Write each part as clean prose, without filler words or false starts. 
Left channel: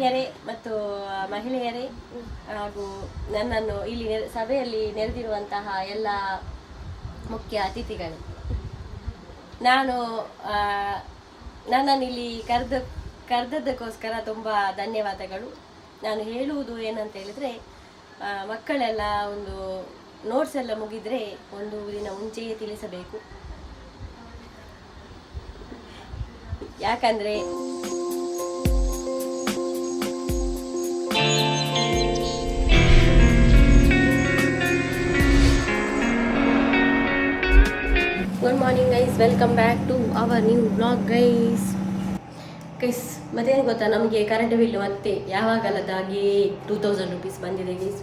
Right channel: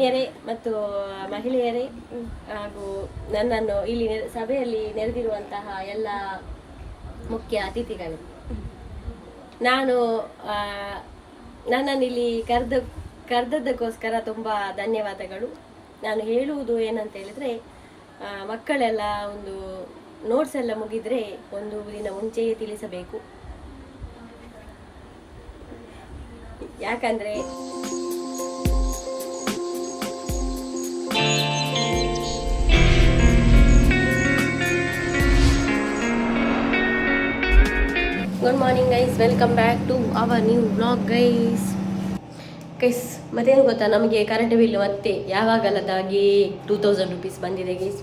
ಹಿರಿಯರೇ ಮತ್ತು ಮಹಿಳೆಯರೇ ಹಾಗೂ ನನ್ನನ್ನು ಇಲ್ಲಿ ಸಭೆಯಲ್ಲಿ ನೆರೆದಿರುವಂತಹ ಎಲ್ಲ ಮುಖ್ಯ ಅತಿಥಿಗಳು, ನಾನು ನನ್ನನ್ನು ಇಲ್ಲಿ ಕರೆದದ್ದಕ್ಕೋಸ್ಕರ ತುಂಬ ಧನ್ಯವಾದಗಳು. ನಾನು ಹೇಳುವುದು ಏನಂತ ಹೇಳಿದರೆ, ಮಕ್ಕಳೆಲ್ಲ ಒಂದು ನೋಟ್ಸ್ ಎಲ್ಲ ಮುಗಿದರೆ ಒಂದು ದಿನ ಮುಂಚೆಯೇ ತಿಳಿಸಬೇಕು. ಯಾಕಂದರೆ good morning guys, welcome back to our new vlog guys. ಮತ್ತೇನು ಗೊತ್ತಾ, ನಮಗೆ ಕರೆಂಟ್ ಬಿಲ್ ಮತ್ತೆ ಯಾವಾಗಲದಾಗೆ 2000 ರೂಪೀಸ್ ಬಂದಿದೆ ಗೈಸ್.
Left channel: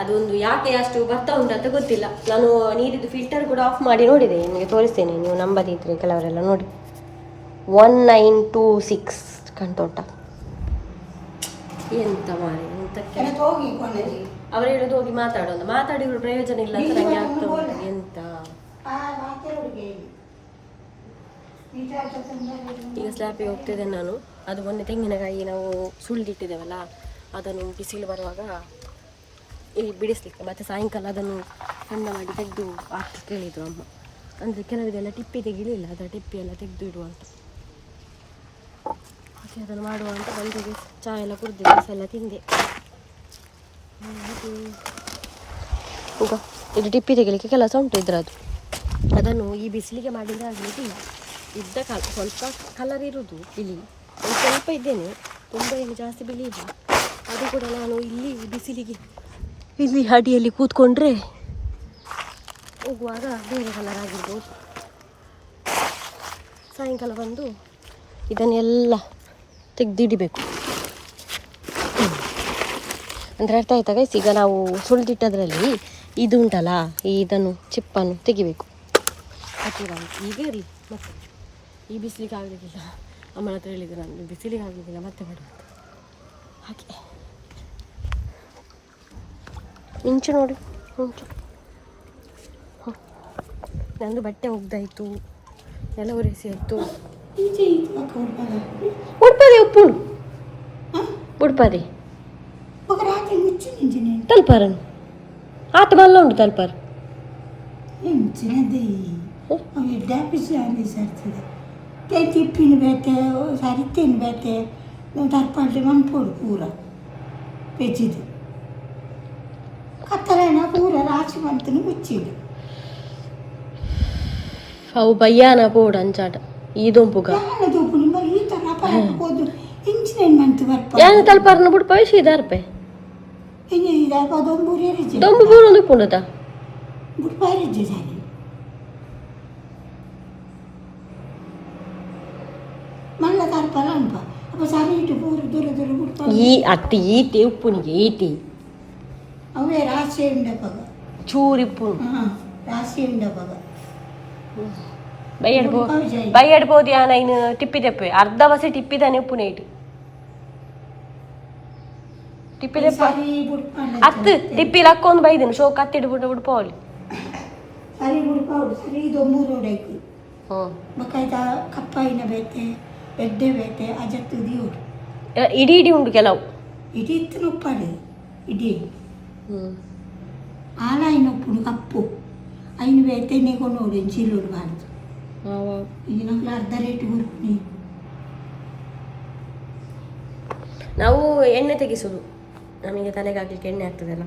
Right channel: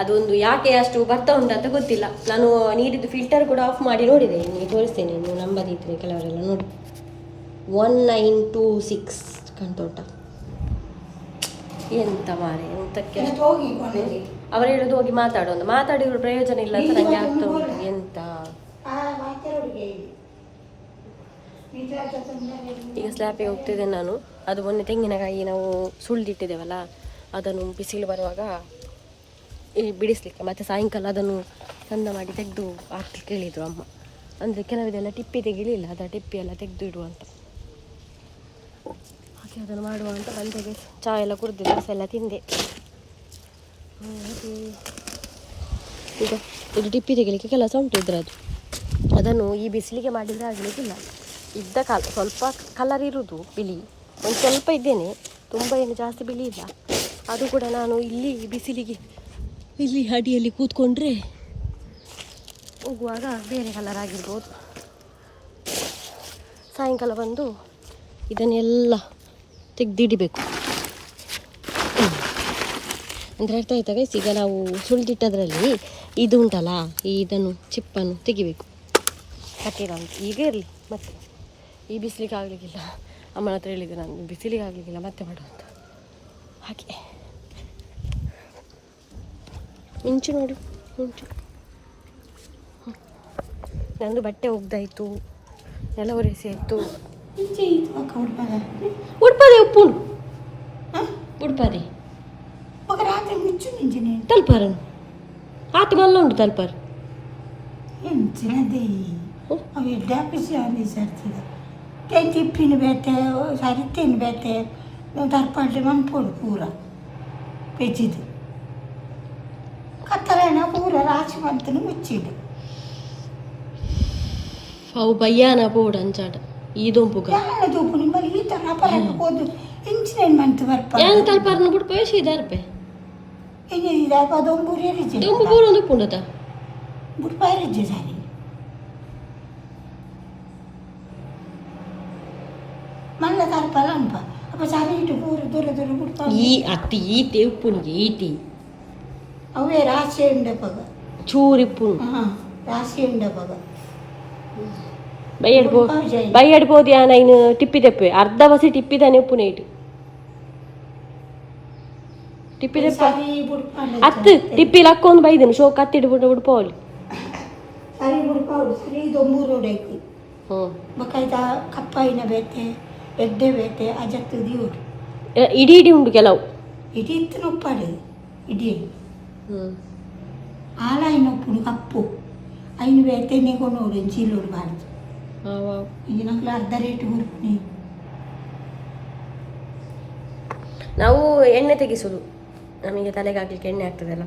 ಅದೊಂದು ಯಾಕೆ ಅಷ್ಟು ಬರ್ತಾ ಉಂಟಂತ ಗೊತ್ತಿಲ್ಲ. ನಾನು ನೀರಿದ್ದು ಫಿಲ್ಟರ್ ಕೂಡ ಆಫ್ ಮಾಡಿ ನೋಡಿದೆ, ನಿಮಗೆ ತೋರಿಸ್ತೇನೆ, ನೀವು ನಂಬದಿದ್ರೆ ಕೆಲವರೆಲ್ಲ ನೋಡಿ. 1926 ಕಾಣ್ತಾ ಉಂಟ. ಎಂತ ಮಾರೆ, ಎಂತಕ್ಕೆ ಅವರು ಹೇಳೋದು ಹೋಗಿ ಮಾತಾಡಿದ್ರು ಪ್ರಯೋಜನ ಇಲ್ಲ ಅಂತ ನನಗೆ ಆಗ್ತಾ ಉಂಟು. ಎಂತ ಈಗ ಸ್ಲ್ಯಾಪಿಗೆ ಹೋಗ್ತಿದ್ದೆ ನಾನು. ಅದು ಮೊನ್ನೆ ತೆಂಗಿನಕಾಯಿ ನಾವು ಸುಳಿದಿಟ್ಟಿದ್ದೇವಲ್ಲ, ಅದನ್ನು ಬಿಸಿಲು ಬರುವಾಗ ಇಲ್ಲಿ ಬಿಡಿಸ್ಲಿಕ್ಕೆ, ಮತ್ತು ಸಾಯಂಕಾಲ ಅದನ್ನು ಚಂದ ಮಾಡಿ ತೆಗೆದು ಹಾಕ್ಲಿಕ್ಕೆ ಹೇಳಿದ್ರು ಅಮ್ಮ. ಅಂದರೆ ಕೆಲವಿದೆಲ್ಲ ಟಿಪ್ಪಿ ತೆಗಿಲಿಲ್ಲ, ಅದರ ಟಿಪ್ಪಿ ಎಲ್ಲ ತೆಗೆದು ಇಡುವಂತ, ಹಾಗೆ ಅದನ್ನು ಮಾಡುವ ಅಂತ ಬಂದಿದೆ. ಚಹಾ ಎಲ್ಲ ಕುಡಿದು ದೋಸೆ ಎಲ್ಲ ತಿಂದೆ. ಈಗ ಇದು ಟಿಪ್ಪಿ ತೆಗಿಲಿಕ್ಕೆ ಕೆಲಸ ಉಂಟು ಇದ್ರದ್ದು. ಅದನ್ನು ಈ ಬಿಸಿಲಿಗೆ ಮಾಡಿದರೆ ಆಗಲಿಕ್ಕಿಲ್ಲ. ಇದ್ದ ಸ್ವಲ್ಪ ಕಲರ್ ಇರೋದು ಬಿಳಿ, ಸ್ವಲ್ಪ ಇದ್ದೇನೆ, ತುಂಬ ಏನು ಜಾಸ್ತಿ ಬಿಳಿ ಇಲ್ಲ. ಅದು ಕೂಡ ನಾನು ಇಲ್ಲಿ ಬಿಸಿಲಿಗೆ ಇಲ್ಲಿ ಅಡಿಯಲ್ಲಿ ಕೂತ್ಕೊಂಡ್ರೆ ಹೋಗುವಾಗ ಬೇರೆ ಕಲರ್ ಆಗಿರ್ಬೋದು. ಸಾಯಂಕಾಲ ಬಂದು ಇದನ್ನೆಲ್ಲ ತೆಗೆದಿಡಬೇಕು. ಅಂದರೆ ಅರ್ಥ ಆಯ್ತಾ ಗೈಸ್? ಈಗ ನಾವು ಸುಳಿದಿಟ್ಟದ್ರಲ್ಲಿ ಇದು ಉಂಟಲ್ಲ, ಇದನ್ನು ಚಿಪ್ಪನ್ನು ತೆಗಿಬೇಕು. ಹತ್ತಿರ ಈಗ ಇರಲಿ, ಮತ್ತೆ ಈ ಬಿಸಿಲಿಗೆ ಆಗಲಿಕ್ಕಿಲ್ಲ. ಅಮ್ಮನ ಹತ್ರ ಹೇಳಿದ್ದೆ ನಾನು, ಬಿಸಿಲಿಗೆ ಆಗಲಿಕ್ಕಿಲ್ಲ ಮತ್ತೆ ಮಾಡುವಂತ. ಹಾಗೆ ಮಿಂಚು ನೋಡಿ, ಮಿಂಚು. ನಂದು ಬಟ್ಟೆ ಒಗ್ದಾಯಿತು, ಎಲ್ಲ ಒರೆಸಿ ಆಯಿತು. ಉಡ್ಪದೆ ಉಪ್ಪು ಉಡ್ಪದೆ ತಲ್ಪಾರನು ಆತ ಮಲ್ಲ ಉಂಟು ತಲ್ಪಾರ tippin bete sarittin bete darpalde man pura pejide katalena pura rachi mantanu muchide ಅವು ಬಯ್ಯಾನ ಪೋಡು ಅಂಚಾಟ ಈ ದೊಂಪುಗ ದೊಂಪು ಮಲ್ಲಿ ಈ ತರ ಪಾಕೋದು ಇಂಚಿನ ಮಂತ್ ಬರ್ಪ ಯಾನ ತಲ್ಪಾರನ ಬಿಡು ಪೈಸೆ ದಾರ್ಪೆ ಇಂಗೆ ಈಗ ದೊಂಬುರಿ ರಿಜಿ ದೊಂಬು ಬೂರೊಂದು ಪುಂಡತ ಬುಟ್ ಪಾರಿಜಿ ಸಾರಿ ಮಲ್ಲ ತರ್ಪಲ್ಲ ಅನ್ಪ ಅಪ್ಪ ಸಾರಿ ಇಟ್ಟು ಪೂರ ದೂರ ದೂರ ಬುಟ್ ಈ ಅತ್ತಿ ಈತಿ ಉಪ್ಪುನಿಗೆ ಈತಿ ಅವೇ ರಾಶಿ ಉಂಡಪಗ ಚೂರಿಪ್ಪು ರಾಶಿ ಉಂಡಪಗ ಬೈಯಡ್ಬೋದು ಯಾನ ಇನ್ನು ಟಿಪ್ಪಿ ತೆಪ್ಪೆ ಅರ್ಧ ಬಸಿ ಟಿಪ್ಪಿದಾನೆ ಉಪ್ಪುನ ಇಟ್ಟು ಟಿಪ್ಪಿ ತೆಪ್ಪ ಅತ್ತು ಟಿಪ್ಪಿಲಿ ಹಾಕೊಂಡು ಬೈದೇನು ಶೋ ಕತ್ತಿಡು ಬಿಟ್ಟು ಬಿಡ್ಪೋಲಿ ಸರಿ ಬಿಡ್ಪೌಡು ಸರಿ ಇದು 3 ರೋಡೈಕು ಬಕಾಯ್ತ ಕಪ್ಪಾಯಿನ ಬೇತೆ ಎಡ್ಡೆ ಬೇತೆ ಅಜತ್ತು ದಿಯೋಡು ಇಡೀ ಇಡೀ ಉಂಟು ಕೆಲವು ಇಡೀ ಇತ್ತು ಉಪ್ಪಾಡು ಇಡೀ ಆಲಾಯಿನ ಉಪ್ಪುಡು ಕಪ್ಪು ಐನು ಬೇತೆ ನೆಗೊಂಡು ನೋಡು ಚೀಲೋಡು ಬಾರ್ದು ಈಗ ನಂಗೆ ಅರ್ಧ ರೇಟ್ ಬರ್ತೀನಿ. ನಾವು ಎಣ್ಣೆ ತೆಗಿಸೋದು, ನಮಗೆ ತಲೆಗೆ ಹಾಕ್ಲಿಕ್ಕೆ ಎಣ್ಣೆ ಆಗ್ತದಲ್ಲ.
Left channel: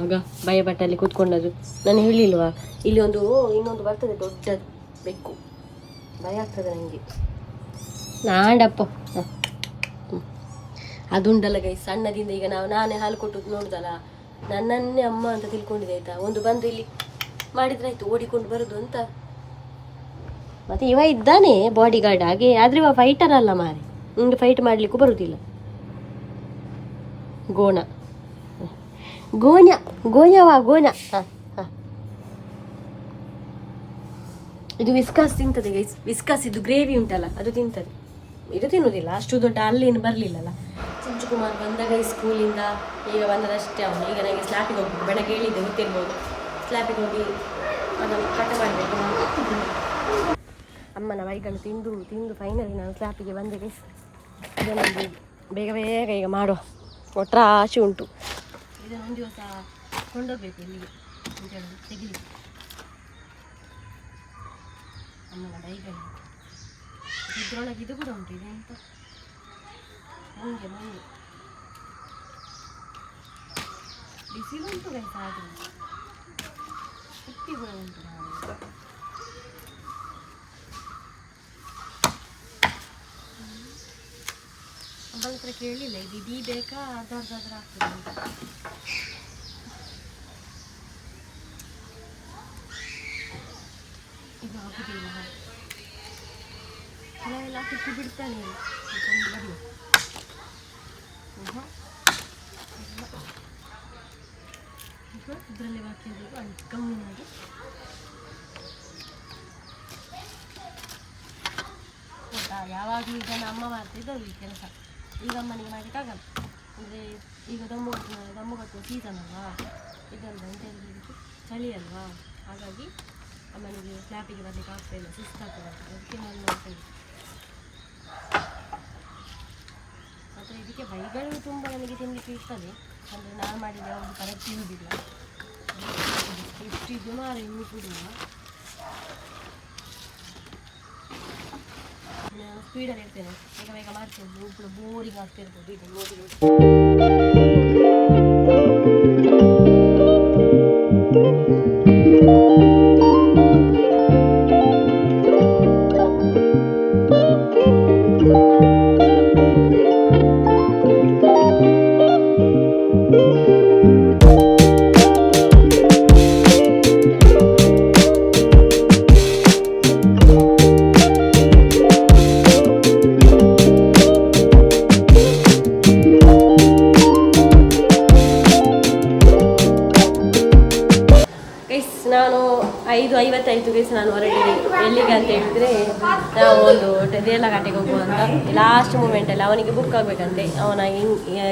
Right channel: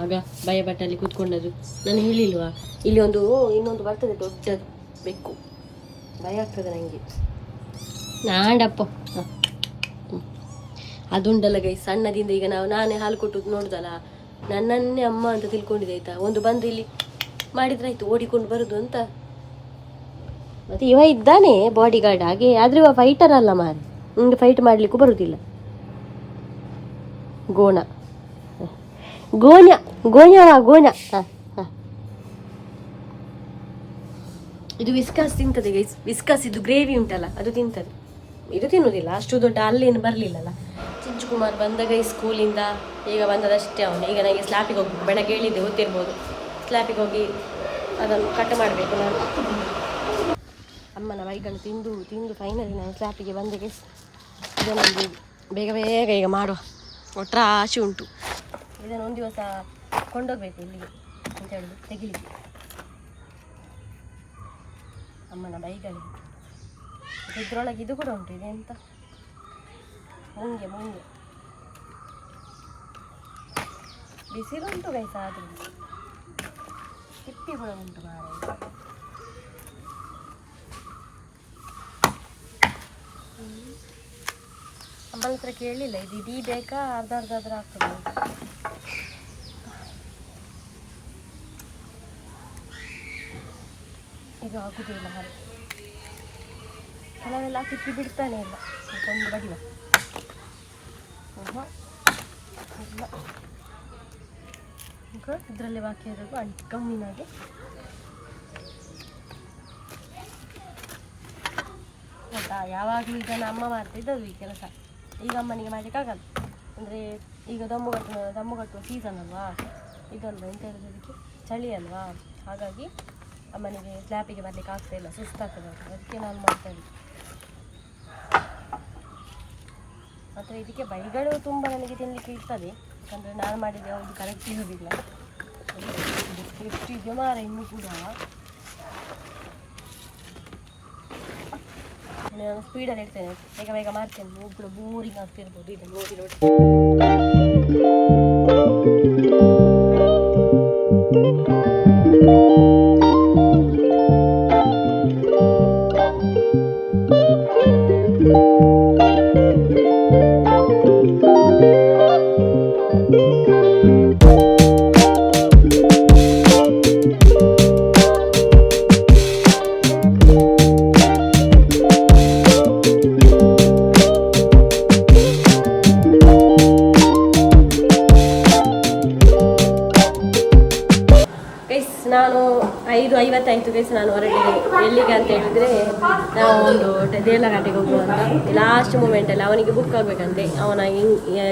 ಆಗ ಭಯ ಬಟ್ಟಲ್ಲಿ ಕೂತ್ಕೊಂಡದ್ದು ನಾನು ಹೇಳಿಲ್ವಾ, ಇಲ್ಲಿ ಇನ್ನೊಂದು ಬರ್ತದೆ ದೊಡ್ಡದು ಬೆಕ್ಕು, ಭಯ ಆಗ್ತದೆ ನನಗೆ. ನಾಂಡಪ್ಪ ಅದುಂಟಲ್ಲ ಗೈ, ಸಣ್ಣದಿಂದ ಈಗ ನಾನೇ ಹಾಲು ಕೊಟ್ಟು ನೋಡುದಲ್ಲ, ನನ್ನನ್ನೇ ಅಮ್ಮ ಅಂತ ತಿಳ್ಕೊಂಡಿದೆ ಆಯ್ತಾ. ಒಂದು ಬಂದು ಇಲ್ಲಿ ಮಾಡಿದ್ರಾಯ್ತು, ಓಡಿಕೊಂಡು ಬರೋದು ಅಂತ. ಮತ್ತೆ ಇವ ಇದ್ದಾನೆ ಬಾಡಿ ಗಾರ್ಡ್ ಹಾಗೆ, ಆದ್ರೆ ಇವ ಫೈಟರ್ ಅಲ್ಲ ಮಾರೆ, ನಿಂಗೆ ಫೈಟ್ ಮಾಡ್ಲಿಕ್ಕೂ ಬರುದಿಲ್ಲ. ಗೋಣ ಗೋಣ ಗೋಣವಾ ಗೋಣ. ಇದು ವಿಸ್ಕಾಸ್ ತಿಂತದೆ ಗೈಸ್, ವಿಸ್ಕಾಸ್ ಇದು ಗ್ರೇವಿ ಉಂಟಲ್ಲ ಅದು ತಿಂತದೆ, ಇದು ತಿನ್ನುವುದಿಲ್ಲ. ಅಷ್ಟು ದೊಡ್ಡ ಅಲ್ಲೇನು ಬರಲಿಲ್ಲಲ್ಲ. ಚಿಂಚುಕುಮಾರ್ ಬಂದಾಗ ಈ ಸ್ಕೂಲಿಂದ ಈಗ ಬಂದದಷ್ಟೇ ಅವನು. ಈಗ ನನಗೆ ಸ್ಲ್ಯಾಪಿಗೆ ಹೋಗ್ಬೇಕು, ಬೆಳಗ್ಗೆ ಹೇಳಿದ್ದೆ ಗೊತ್ತಿರ್ಬೋದು. ಸ್ಲ್ಯಾಪಿಗೆ ಹೋಗಿ ಅದನ್ನು ಕಟ್ ಮಾಡಬೇಕು ನಾನು. ಅಮ್ಮನ ಬೈಗಳು ತಿಂದು ತಿಂದು ಫೈನಲಿ ನಾನು ಸ್ಲ್ಯಾಪಿಗೆ ಬಂದೆ ಗೈಸ್. ಇದನ್ನೊಂದು ಬೇಗ ಬೇಗ ಈಗ ಮಾಡುವ, ಒಟ್ರಾಶಿ ಉಂಟು. ಇದನ್ನು ಒಂದು ದಿವಸ ಕೊಂಡೋಗ್ಬೇಕು ಇಲ್ಲಿಗೆ ಅಂತ ಹೇಳಿದ್ರು ತೆಗಿಲಿಕ್ಕೆ. ಅಮ್ಮನ ಬೈಗಳು ಇದ್ರೊಳಗೆ ಇದು ಕೂಡ ಉಂಟು. ಇದೆ ಅಂತ ಮುಂಗೆ ಮುಂಗೆ ಬಿಸಿಲುಂಟು ಗೈಸ್, ಆದರೂ ತಿಪ್ಪಿ ಕೂಡ ಉಂಟು ಮಾರ. ಅಮ್ಮನ ಹತ್ರ ಕೇಳಲಿಲ್ಲ, ಇದು ಇಡೀ ಬೇಕಾ ಅರ್ಧ ಅರ್ಧ ಆದ್ರೆ ಆಗ್ತದೆ ಅಂತ. ಇದು ಆಗುದಿಲ್ಲ ಹಾಗೆ, ಕೆಲವೆಲ್ಲ ತಿಪ್ಪಿ ಬಿಡ್ತಾನೆ ಇಲ್ಲ. ಒಂದು ಬಡಿವ ಇಲ್ಲ ಇದರಲ್ಲಿ ಬಾಕಿ ಇರೋದು ಅಂಟು ಕಮ್ಮಿನಾಗೆ. ಹೌದಾ, ಯಾವಾಗಲೂ ಇದನ್ನು ಅಮ್ಮ ಮಾಡ್ತಿದ್ದವು ಈ ಕೆಲಸ. ಈಗ ಅಮ್ಮನಿಗೆ ಮಾಡಲಿಕ್ಕಾಗಲ್ಲ, ಅಂದರೆ ಈಗ ದಮ್ಮು ಕಟ್ಟುವ ಸೀಸನ್ ಅಲ್ವಾ ಇದಲ್ವಾ, ಎಂತ ಹೇಳಿದ್ರೆ ಇದಕ್ಕೆ ಚಳಿ ಅಲ್ವಾ, ಹಾಗಾಗಿ ಅಮ್ಮನಿಗೆ ಸ್ಲ್ಯಾಪಿಗೆ ಬರಲಿಕ್ಕೆ ಆಗ್ತಾಯಿಲ್ಲ, ಸುಸ್ತಾಗ್ತದೆ. ಅದಕ್ಕೆ ನಾನು ಮಾಡ್ತಾ ಇದ್ದೆ. ಮತ್ತು ಇದಕ್ಕೆ ಬೈಗಳು ತುಂಬ ನನಗೆ ತಿನ್ನಲಿಕ್ಕೆ ಇರ್ತದೆ, ಯಾಕಂದರೆ ನಾನು ಮಾಡಿದರೆ ಯಾವುದು ಕರೆಕ್ಟ್ ಇರೋದಿಲ್ಲ. ಎಷ್ಟು ಇದೆ ಮಾರ ಇನ್ನೂ ಕೂಡ. ನಾನು ಸ್ಪೀಡಲ್ಲಿ ಇಡ್ತೇನೆ, ಬೇಗ ಬೇಗ ಮಾಡ್ತೇನೆ. ನೀವು ಕೂಡ ಬೋರಿಂಗ್ ಆಗ್ತಿರ್ಬೋದು ಇದು ನೋಡಿ ನೋಡಿ. ನಾನು 5:50 ಗೈಸ್ ನಾನು ಹೊರಟಿದೆ. ಎಲ್ಲಿಗೆ ಅಂತ ಹೇಳಿದರೆ ನಾವು ಒಂದು ದೇರ್ಲಘಾಟೆಗೆ ಹೋಗುವಂತ. ಲಾಸ್ಟ್ ಮೂಮೆಂಟಲ್ಲಿ ಅವನಿಗೆ ಬುಕ್ ಆಗಬೇಕಂತೆ, ಅವನ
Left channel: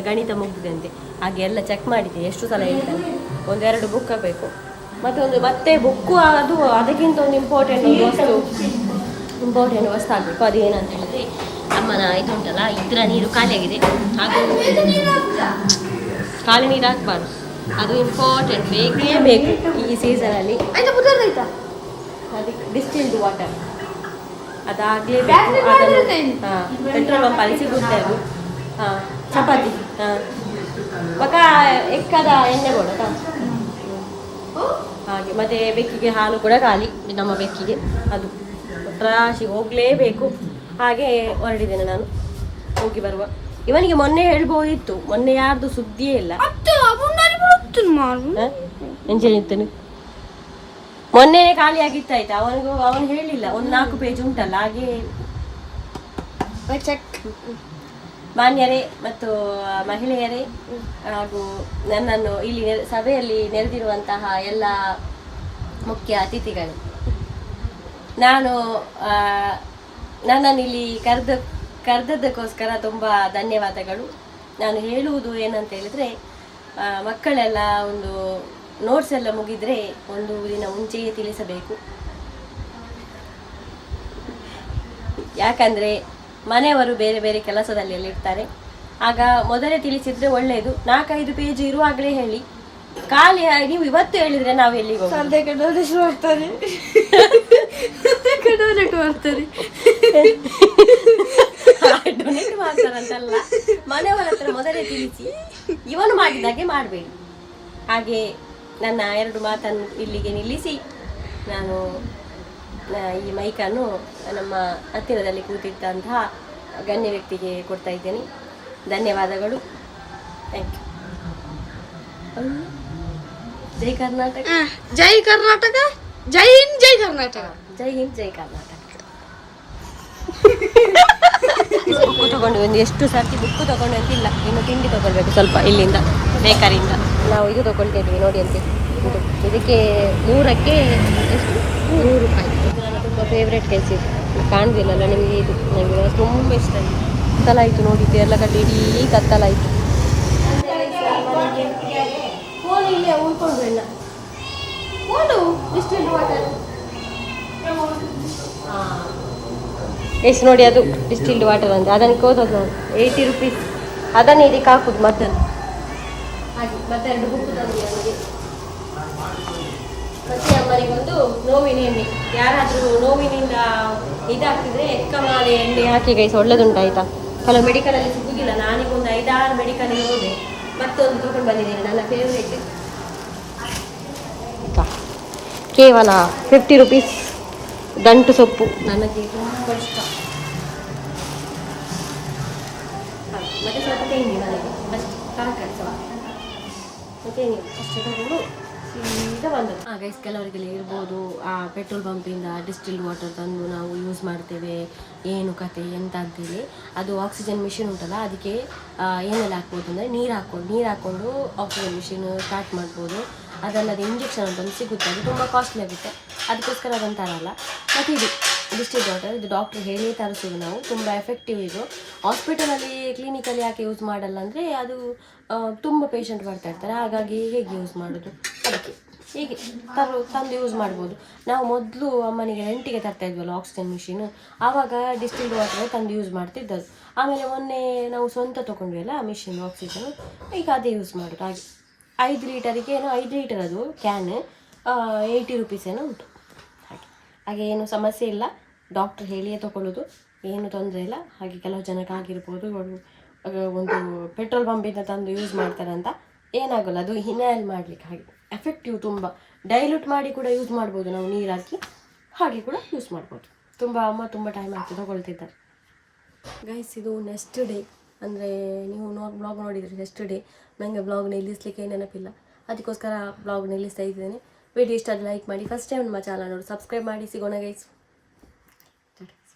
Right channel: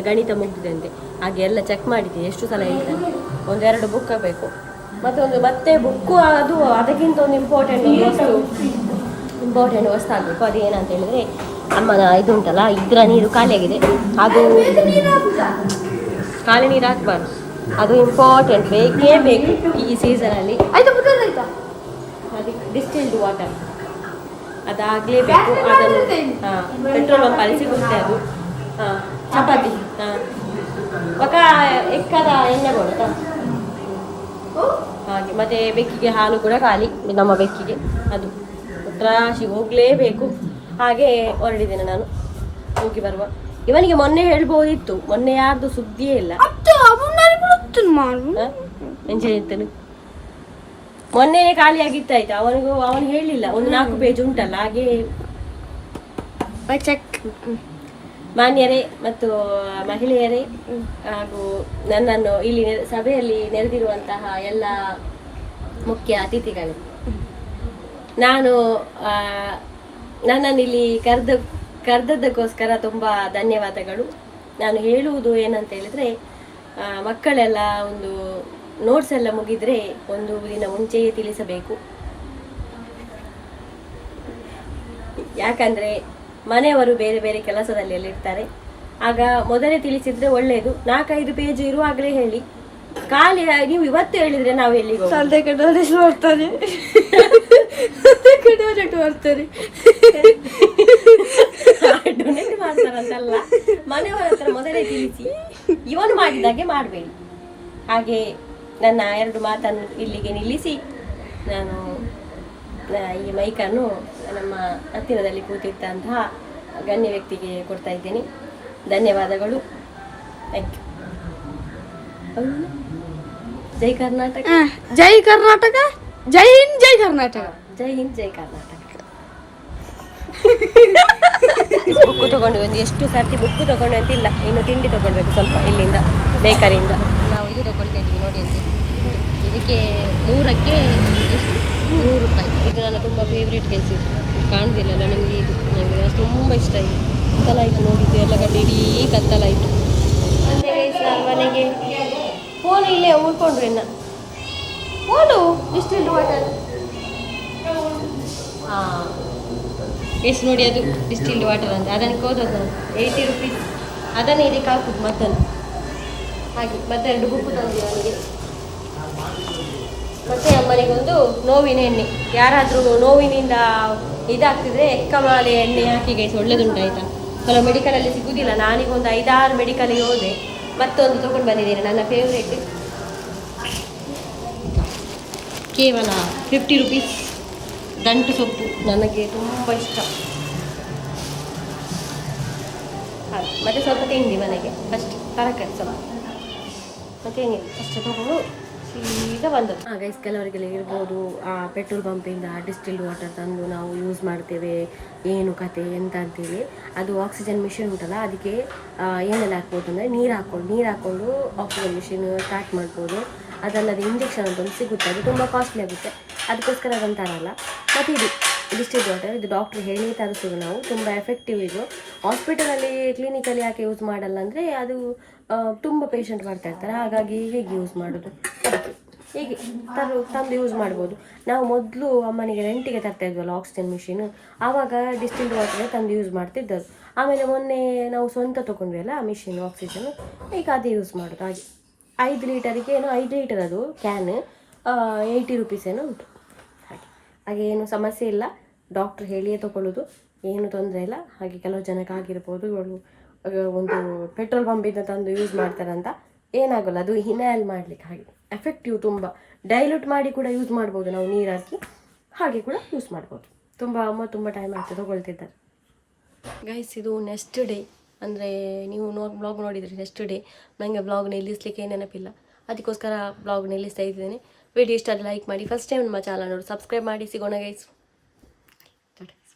ಗಣಿತ ಮುಗ್ದಿದೆ, ಹಾಗೆ ಎಲ್ಲ ಚೆಕ್ ಮಾಡಿದ್ದೆ. ಎಷ್ಟು ಸಲ ಹೇಳ್ತಾನೆ, 1-2 ಬುಕ್ ಆಗಬೇಕು. ಮತ್ತೆ ಬುಕ್ಕು ಅದು ಅದಕ್ಕಿಂತ ಒಂದು ಇಂಪಾರ್ಟೆಂಟ್ ವಸ್ತು ಆಗಬೇಕು. ಅದೇನಂತ ಹೇಳಿದರೆ ಅಮ್ಮನ ಇದು ಉಂಟಲ್ಲ, ಇದ್ರ ನೀರು ಖಾಲಿಯಾಗಿದೆ, ಅದು ಖಾಲಿ ನೀರು ಹಾಕ್ಬಾರ್ದು, ಅದು ಇಂಪಾರ್ಟೆಂಟ್, ಬೇಕೇ ಬೇಕು ಈ ಸೀಸನಲ್ಲಿ. ಅದಕ್ಕೆ ಡಿಸ್ಟಿಲ್ಡ್ ವಾಟರ್ ಅದಾಗಲೇಬೇಕು. ಅದನ್ನು ಪೆಟ್ರೋಲ್ ಪಂಪಲ್ಲಿ ಸಿಗುತ್ತೆ ಅದು. ಚಪಾತಿ ಪಕ್ಕ ಎಕ್ಕದ ಎಣ್ಣೆ ಕೊಡೋದ ಹಾಗೆ. ಮತ್ತು ಬೆಕ್ಕಿಗೆ ಹಾಲು ಕೂಡ ಖಾಲಿ, ನಮ್ಮ ಬೆಕ್ಕಿಗೆ ಅದು ರಾಶಿ ಹೋಗಲೇಬೇಕು. ಹಾಗೆ ಹೊರಡಿದ್ದೇನೆ ನಾನು, ಹೋಗಿ ಬರುವ. ಇವನಿಗೆ ಮೊನ್ನೆ ಹೇಳ್ಬೋದಿತ್ತು, ಮೊನ್ನೆ ಯಾರ್ದು ಸುದ್ದಿಯೇ ಇಲ್ಲ. ಎಂಜನಿತ್ತನು ಮೊನ್ನೆನೇ ಖಾಲಿ ಆಗಿತ್ತಾಯ್ತು. ಅವನು ಹೇಳಿಲ್ಲ, ಒಂದು 4 ಪೇಜ್ ಉಂಟಲ್ಲ ಹಾಗೆ. ಮಾನ್ಯರೇ ಮತ್ತು ಮಹಿಳೆಯರೇ ಹಾಗೂ ನನ್ನನ್ನು ಇಲ್ಲಿ ಸಭೆಯಲ್ಲಿ ನೆರೆದಿರುವಂತಹ ಎಲ್ಲ ಮುಖ್ಯ ಅತಿಥಿಗಳು, ನನ್ನನ್ನು ಇಲ್ಲಿ ಕರೆದದ್ದಕ್ಕೋಸ್ಕರ ತುಂಬ ಧನ್ಯವಾದಗಳು. ನಾನು ಹೇಳುವುದು ಏನಂತ ಹೇಳಿದರೆ, ಮಕ್ಕಳೆಲ್ಲ ಒಂದು ನೋಟ್ಸ್ ಎಲ್ಲ ಮುಗಿದರೆ ಒಂದು ದಿನ ಮುಂಚೆಯೇ ತಿಳಿಸಬೇಕು. ಯಾಕಂದರೆ ಮನೆಯವರು ಬೇರೆ ಬೇರೆ ಕೆಲಸದಲ್ಲಿ ಇರ್ತಾರೆ. ಆಗ ಮೊದಲೇ ತಿಳಿಸಿದರೆ ಒಳ್ಳೆಯದು. 4-5 ಪೇಜ್ ಇರುವಾಗಲೇ ಹೇಳಿ. ಖಾಲಿ ನೀವು ಇವತ್ತು ಹೇಳಿದರೆ ನಾವು ಎಲ್ಲಿಗೆ ಹೋಗ್ತಾರೆ ಡೊನೇಟ್ ಮಾಡ್ತಾರಂತಲ್ಲ, ಮನೆಯವರ ಹತ್ರ ಮೊದಲೇ ತಿಳಿಸಿ. ಇವನು ಮಾಡಿದಾಗೆ ಮಾಡಬೇಡಿ. ಹಾಗೆ ನನ್ನ 2 ಮಾತನ್ನು ಇಲ್ಲಿಗೆ ನಿಲ್ಲಿಸಿ ನಾನು ಈ ಮೈಕನ್ನು ನಮ್ಮ ಹತ್ತಿರದಲ್ಲಿ ಕೂತಿದ್ದಂತಹ ಗಣ್ಯ ವ್ಯಕ್ತಿಗೆ ಕೊಡ್ತಾ ಇದ್ದೇನೆ. ಧನ್ಯವಾದಗಳು. Thank you. ಜೈ ಕರ್ನಾಟಕ, ಜೈ ಕರ್ನಾಟಕ, ಜೈ ಹಿಂದ್, ಜೈ ಕರ್ನಾಟಕ, ಜೈ ಹಿಂದ್, ಜೈ ಕರ್ನಾಟಕ. ಬುಕ್ಕು ತಗೊಂಡು ಒಂದು ಎಷ್ಟು ಸರ್ತಿ ಬುಕ್ಕು ತಗೊಂಡು ಅಂತಿಲ್ಲ, ಇನ್ನು ತಿಂಡಿ ತಗೊಳ್ಬೇಕು ಸ್ವಲ್ಪ ಇಲ್ಲಿಂದ ಬೇಕರಿಯಿಂದ. ನಾವು ಇದು ತಗೊಳ್ತಾ ಇದ್ವಿ ನೋಡಿ ಅಂತೆ. ಇದಕ್ಕೆ 3ಕ್ಕೆ ಎಷ್ಟು 100 ರೂಪಾಯಿ. ಇದು ನನ್ನ ತುಂಬ ಫೇವ್ರೇಟ್ ಕೆಲಸ. ಇದು ಕಾಣುದಿಲ್ಲಲ್ಲ ನಿಮಗೆ, ಇದು ನನಗೆ ತುಂಬ ಇಷ್ಟ ಆಯಿತು. ಕತ್ತಲಾಯಿತು ನೋಡಿ, ದೇರ್ಲಘಟ್ಟ ಇಡೀ ಕತ್ತಲಾಯಿತು. ಮನೆಗೆ ಫೋನ್ ಇಲ್ಲೇ ಉಳ್ಕೊಂಡ್ರಿ ಫೋನು ಡಿಸ್ಟಿಲ್ಡ್ ವಾಟರ್. ಹಾಂ ಎಷ್ಟು ನೋಡಿ ಅದು ಡಿಸ್ಟಿಲ್ಡ್ ವಾಟರ್ ಅಂತ ಅದನ್ನು ಕೋದೋದು 80 ರುಪೀಸ್. ಅದನ್ನೇ ಇದಕ್ಕೆ ಹಾಕುದು ಮತ್ತನ್ನು ಹಾಗೆ. ಮತ್ತೆ 2 ಬುಕ್ಕು ತಂದಿಲ್ಲ ನನಗೆ. ಮತ್ತೆ ಅಮ್ಮನಿಗೊಂದು ನೋವಿನ ಎಣ್ಣೆ. ಯಾರಾದರೂ ನೋವಿನಿಂದ ಇದಾಗ್ತಿದ್ರೆ ಎಕ್ಕಮಾಲೆ ಎಣ್ಣೆ ಹಾಕಿ ಗೈಸ್, ಒಳ್ಳೇದುಂಟಾಯ್ತಾ. ಕೆಲವು ಮೆಡಿಕಲಲ್ಲಿ ಸಿಗುವುದಿಲ್ಲ. ನಾನೀಗೊಂದು 5-6 ಮೆಡಿಕಲಿಗೆ ಹೋದೆ, ಮತ್ತೊಂದು ತೊಗೊಂಡು ಬಂದಿದ್ದೇನೆ. ನನ್ನ ಫೇವ್ರೇಟ್ ಕೇವಲ 50 ರುಪೀಸ್ ದಂಟು ಸೊಪ್ಪು, ನನಗೆ ತುಂಬ ಇಷ್ಟ. ಹಾಗೆ ಮತ್ತು ಸ್ವಲ್ಪ ತಿಂಡಿ ಮನೆಗೆ ಅಷ್ಟು, ತರಕಾರಿ ಸ್ವಲ್ಪ ಮತ್ತೇನಿಲ್ಲ ಅಷ್ಟು ತಗೊಂಡು ಸೀದಾ ಬಂದದ್ದು. ಗೈಸ್, ಕೆಲವರಿಗೆಲ್ಲ ಇರ್ಬೋದು ಪೆಟ್ರೋಲ್ ಪಂಪಿಂದ ಡಿಸ್ಟಿಲ್ಡ್ ವಾಟರ್ ತಂದು ನಾವು ಯೂಸ್ ಮಾಡ್ತೇವೆ, ಏನು ಕತೆ ಎಂತ ಅಂತೇಳಿ. ಅದು ಆಕ್ಸಿಜನ್ ಮಿಷಿನ್ ಉಂಟಲ್ಲ, ಅದಕ್ಕೆ ಏನೆಲ್ಲ ಹಾಕ್ಬೋದು ಅಂದರೆ ನೀರು ಹಾಕ್ಕೊಂಡು ಆಕ್ಸಿಜನ್ ಮಿಷಿನ್ ಸ್ಟಾರ್ಟ್ ಮಾಡ್ಬೋದು. ಅದಲ್ಲದೆ ಇಂಜೆಕ್ಷನ್ ಅಂತ ಒಂದು ಸಿಗುತ್ತೆ, ಅದು ತುಂಬ ಕಾಸ್ಟ್ಲಿ ಆಗುತ್ತೆ, ಅದಕ್ಕೋಸ್ಕರ ಅದನ್ನು ತರಲ್ಲ. ಮತ್ತು ಇದು ಡಿಸ್ಟಿಲ್ಡ್ ವಾಟರ್, ಇದು ಡಾಕ್ಟ್ರ್ ಹೇಳಿ ತರಿಸೋದು ನಾವು. ತುಂಬ ಎಫೆಕ್ಟಿವ್ ಇದು. ಹಾಸ್ಪಿಟಲಲ್ಲಿ ಕ್ಲಿನಿಕಲ್ಲಿ ಯಾಕೆ ಯೂಸ್ ಮಾಡಲ್ಲ ಅಂದರೆ ಅದು ತುಂಬ ಪೇಷಂಟ್ ಬರ್ತಾ ಇರ್ತಾರೆ, ಹಾಗಾಗಿ ಹೇಗೆ ಯೂಸ್ ಮಾಡೋದು, ಅದಕ್ಕೆ ಹೀಗೆ ತಂದು ಯೂಸ್ ಮಾಡ್ಬೋದು. ನಾವು ಮೊದಲು ಅಮ್ಮನಿಗೆ ರೆಂಟಿಗೆ ತರ್ತಾ ಇದ್ವಲ್ಲ ಆಕ್ಸಿಜನ್ ಮಿಷಿನು, ಆವಾಗ ಡಿಸ್ಟಿಲ್ಡ್ ವಾಟರೇ ತಂದು ಯೂಸ್ ಮಾಡ್ತಿದ್ದದ್ದು. ಆಮೇಲೆ ಮೊನ್ನೆ ನಾವು ಸ್ವಂತ ತೊಗೊಂಡ್ವಿ ಅಲ್ಲ ಆ ಮಿಷಿನ್ ಆಕ್ಸಿಜನ್, ಈಗ ಅದೇ ಯೂಸ್ ಮಾಡೋದು. ಹಾಗೆ 5 ಲೀಟರಿಗೆ ಏನೋ 5 ಲೀಟರ್ ಅದು ಕ್ಯಾನ್ 80 ರುಪೀಸ್ ಏನೋ ಉಂಟು. ಹಾಗೆ ಏನು ಸಮಸ್ಯೆ ಇಲ್ಲ, ಡಾಕ್ಟ್ರ್ ಹೇಳಿಯೇ ತೊಗೊಳ್ಳೋದು, ಏನು ತೊಂದರೆ ಇಲ್ಲ. ಹಾಗೆ ಕೆಲವು ಜನಕ್ಕೆ ಆಗಿರ್ಬೋದು, ಒಂದು ಪೆಟ್ರೋಲ್ ಪಂಪಿಂದ ತಂದು ಯೂಸ್ ಮಾಡ್ತಾರಂತ, ಏನಾಗಲ್ಲ, ಅದು ಇನ್ಹೇಲ್ ಮಾಡಲಿಕ್ಕೆ. ಹಾಗೆ ಎಫೆಕ್ಟಿವ್, ತುಂಬ ಡೈಲ್ಯೂಟ್ ಮಾಡಿ ಕೂಡ ಯೂಸ್ ಮಾಡ್ಬೋದು ನಾವು, ನೀರು ಹಾಕಿ ಹಾಗೆ ಕೂಡ ಯೂಸ್ ಮಾಡ್ಬೋದು. ಅಮ್ಮ ತುಂಬ ಟೈಮ್ ಆಗ್ತದೆ ತೊಗೊಳ್ತಿದ್ದಾರೆ. ಗೈಸ್, ಇದು ನೆಕ್ಸ್ಟ್ ಡೇ, ಅಂದರೆ ನೀವು ಬ್ಲಾಗ್ ನೋಡಿದರೆ ನೆಕ್ಸ್ಟ್ ಡೇ. ನನಗೆ ಬ್ಲಾಗ್ ನಿಲ್ಲಿಸಲಿಕ್ಕೆ ನೆನಪಿಲ್ಲ, ಅದಕ್ಕೋಸ್ಕರ ಬ್ಲಾಗ್ ನಿಲ್ಲಿಸ್ತಾ ಇದ್ದೇನೆ. ವಿಡಿಯೋ ಇಷ್ಟ ಆದರೆ ಲೈಕ್ ಮಾಡಿ. ಫಸ್ಟ್ ಟೈಮ್ ನಮ್ಮ ಚಾನಲ್ ನೋಡಿ ಸಬ್ಸ್ಕ್ರೈಬ್ ಮಾಡಿ. ಸಿಗೋಣ ಗೈಸ್.